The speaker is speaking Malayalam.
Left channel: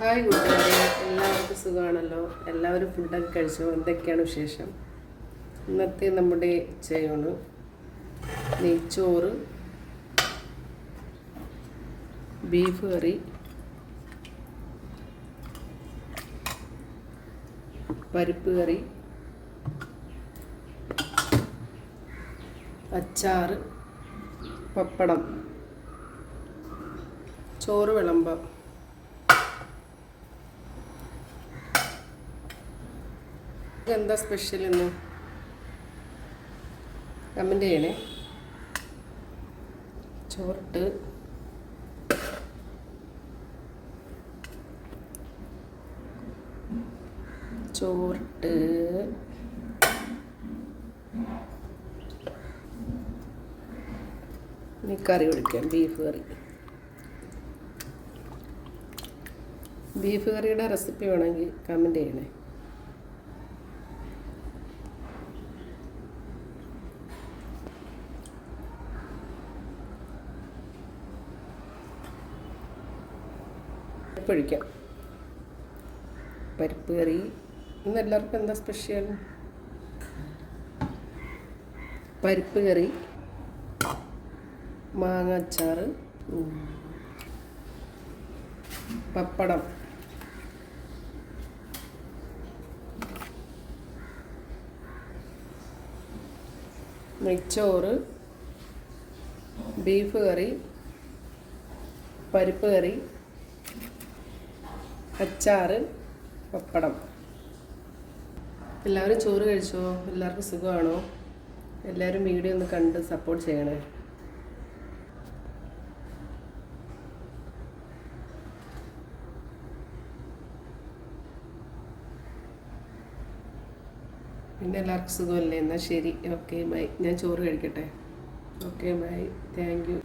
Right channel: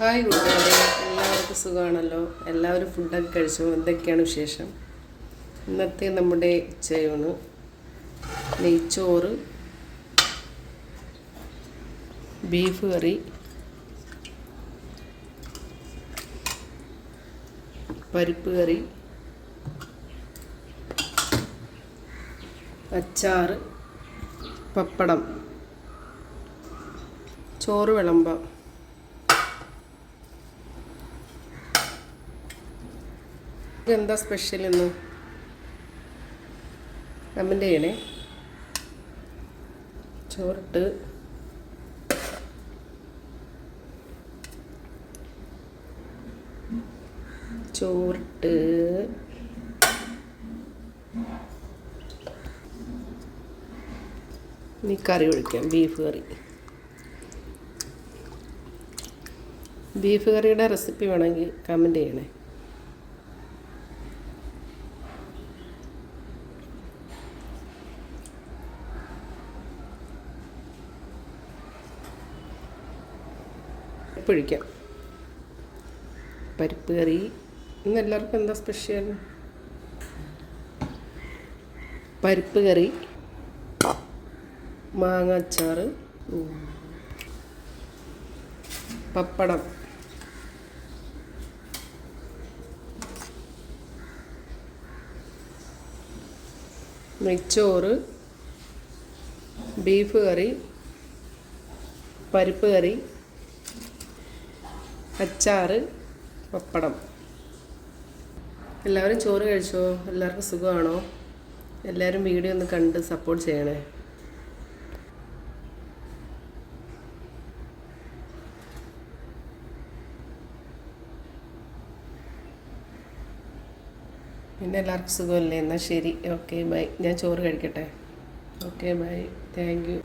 ഹായ് കൂട്ടുകാരെ, എല്ലാവർക്കും സുഖമാണല്ലോ. എല്ലാവരും ഫുഡൊക്കെ കഴിച്ചു. എന്തൊക്കെയാണ് വിശേഷം? ഇന്നത്തെ നമ്മുടെ ഉച്ചയൂണ് നെയ്ച്ചോറ്, ബീഫ് കറി, പരിപ്പ് കറി, അച്ചാർ, പപ്പടം, ചോറ് വിളമ്പാം. എന്താ സ്പെഷ്യൽ ഇന്ന്? കമൻ്റ് ചെയ്യണേ. ചോറിട്ട് ഇനി കറി ഒഴിക്കാം. ബീഫ് കറി. ബീഫ് കറിയുടെ റെസിപ്പി വേണമെങ്കിൽ കമൻ്റ് ചെയ്യണേ. ഒഴിക്കാം. പരിപ്പ് കറി. ഇന്ന് എല്ലാവർക്കും എന്താ സ്പെഷ്യൽ? പരിപ്പ് കറി, മാങ്ങ അച്ചാർ, പപ്പടം, നെയ്ച്ചോറ്, ബീഫ് കറി, പരിപ്പ് കറി, അച്ചാർ, പപ്പടം. എല്ലാവരും ചോറ് കഴിച്ചോ? എല്ലാവർക്കും സുഖമാണോ? എല്ലാവരും വീഡിയോ ഒന്ന് കണ്ട് സപ്പോർട്ട് ചെയ്യണേ. പിന്നെ എല്ലാവർക്കും സുഖമല്ലേ? എന്നാൽ ശരി, ഓക്കെ ബൈ. ഞാൻ ചോറ് കഴിക്കട്ടെ. Okay bye, thank you.